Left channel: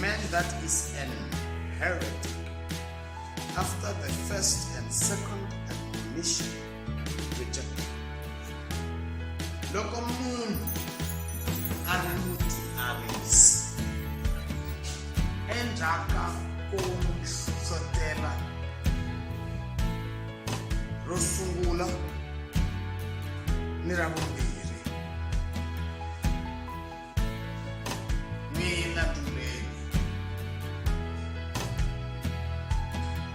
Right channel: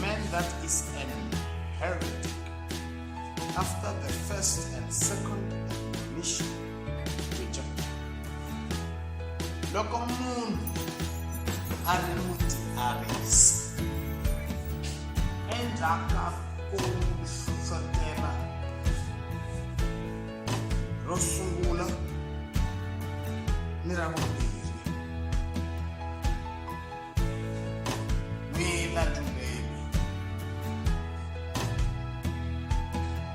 man that is an heretic, after the first and second admonition, reject. Loko munhu ari mutiarisi endzhaka ko n'wi hlohlotela ro sungula ni ra vumbirhi, n'wina ntumbeni,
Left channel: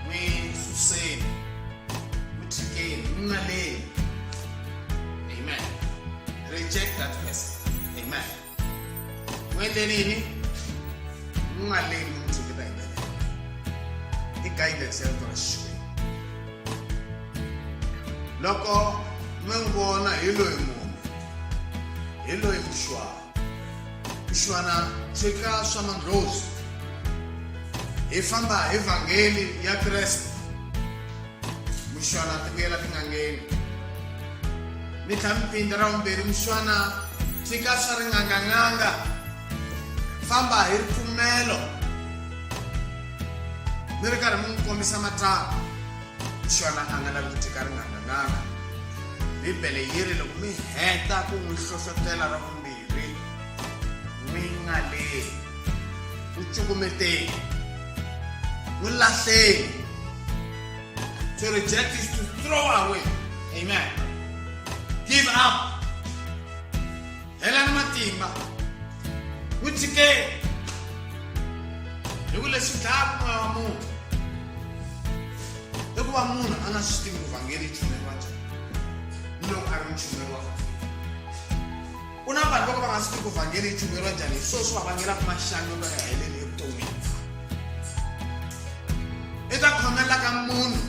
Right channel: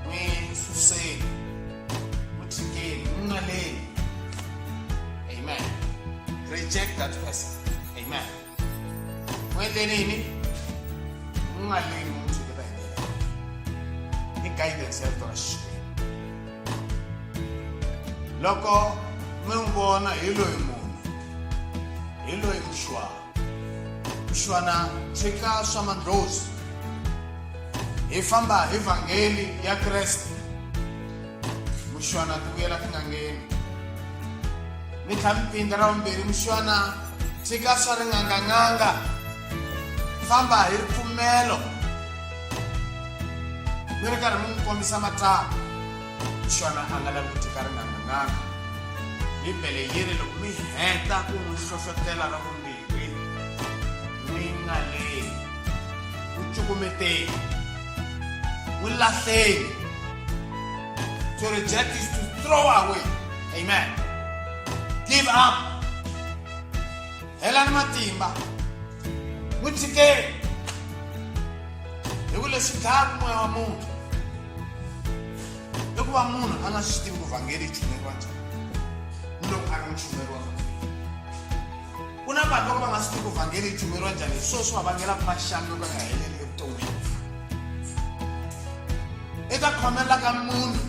n'wi suseni, n'wi tshikeni, n'wi nga lehi. Amen. Reject that person. Amen. N'wendeleni n'wi nga lehi n'wi tshiketa hi ndlela i guidance ya vito ra Xikwembu. Loko mi n'wi vona hi loyi munhu, hi loyi mushwana tshika swa mandlhozi, hi famba hi vhangeli ya Kreste, mushwana ti vuyela tin'angeni. Mi tlhela mi pindza ra vumbirhi, mushwana tshika swa ringanganganga, famba hi ripfumelo, mi ri karhi mi n'wi kombisa matsavu. Mushwana a nga lavi ku tshika ringanganganga. Bibele yi ri loko mi heta ku n'wi hlohlotela ra vumbirhi, n'wi nga lehi, n'wi cukumeteni, n'wi lahleni. To reject is to throw away. Amen. Give up. Helani matimba, n'wi tshikeni. Hi ku leswi dlaya moya wa munhu i ku va munhu a nga swi tivi ku vhangeli yi chumeriwa njhani loko a ri muchumeri wa vhangeli. Ku na vanhu loko va nga swi tivi ku vhangeli yi chumeriwa njhani, hi swona swi va vangelaka maxangu yo ka ya heleli evuton'wini. I ta khomela ka munhu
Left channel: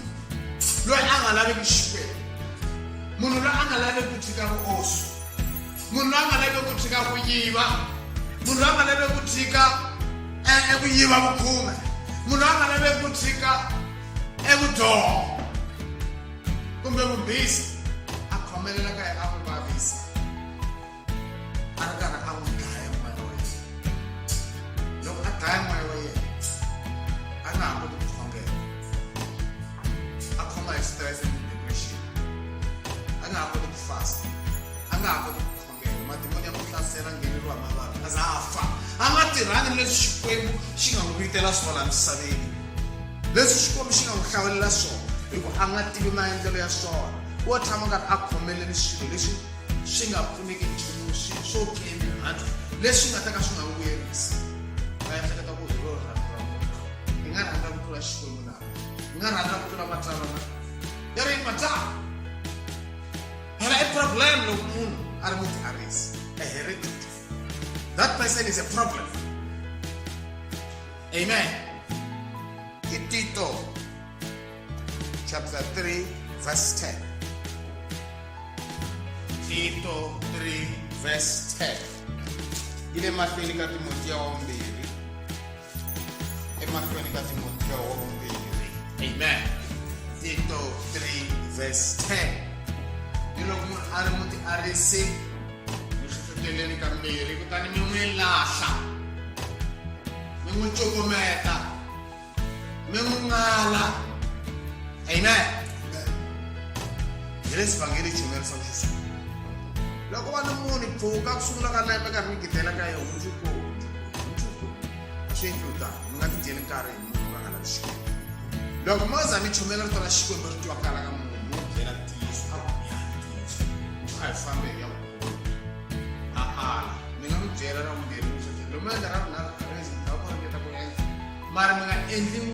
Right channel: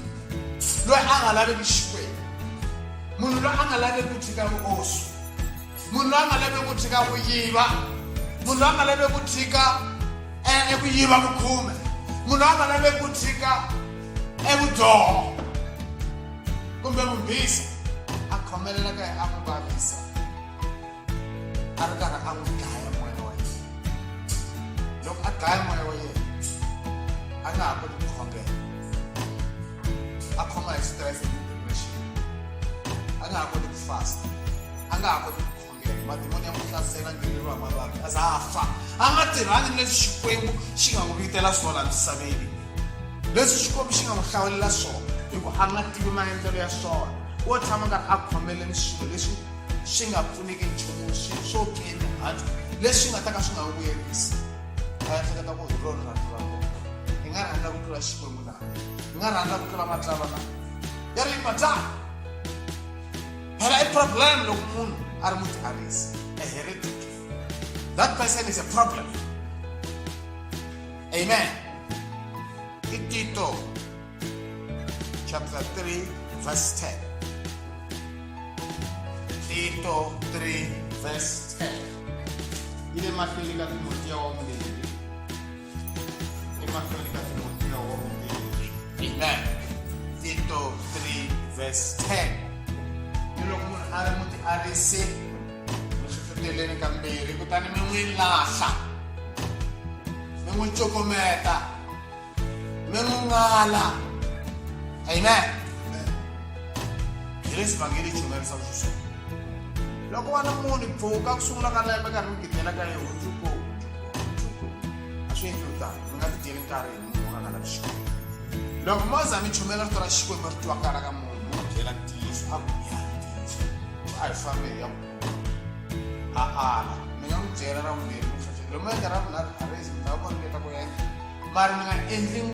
loyi a nga laveki Xikwembu, munhu loyi a nga laveki ku tshika vuoswi, munhu loyi a nga laveki ku tshika ku yiva, munhu loyi a nga laveki ku tshika ku yiva vukhume, munhu loyi a nga laveki ku tshika evudyoho kumbe vumbhisi. A khomelela ka yena a n'wi vavisa, a ri karhi a n'wi dlaya moya wa yena. Loko a dlaya moya wa yena a nga ha koti ku khongela, a khoma hi stress and depression, a nga ha koti ku fasta, a nga ha koti ku khongela. Madimoni ya n'wi hlasela, ngheneriwa hi mavabyi, a za a fa. A nga tirhani leswi Xikwembu xi nga n'wi vitela swona misaveni, leswi Xikwembu xi nga n'wi hlawulela swona, hikuva a nga tivi maendlelo ya swona. Wo tshama karhi a khomeleni swilo leswi swi nga pfuneki nchumu, swilo swo pimihantu leswi nga ta ka swi nga vuyerisi. A ya hleketa ku hi rona rito ra munhu, hi nga rhandza ku tlula Xikwembu na, hi nga rhandza ku tlula matsalwa na ya ri matsalwa. Phela i problem loko munhu a ri mutiarisi, a heretic. That person is a problem. Amen. Tito chapter 3 verse 10. Tito 3 verse 10. Ile mahlweni ka Timotheo wa vumbirhi. Emahlweni ka Timotheo wa vumbirhi. Amen. Tito 3 verse 10. Ni loko munhu a ri mutiarisi, mi hlohloteleni ka mbirhi kutani mi n'wi lahla, mi n'wi cukumeta, mi n'wi ngala. Amen. Hi leswi vhangeli chumerisaka xiswona. Loko vana munhu pfuka ku sungula ka lembe karhi mi gidela ka yena undzuku a swi endli tano, mi nga ti dyeli nkarhi hi munhu a nga lavi Xikwembu. Loko mo za mi chumela rito ra Xikwembu ri tivakala ka munhu, mi byela ntiyiso, a ku ya ntiyiso, a hi fambi ya munhu a ala. Mi nga n'wi byela ra vumbirhi, mi hlohlotela, lomu endla ra vunharhu a rezi mi ta va ringeta ku endla, mara mi nga endli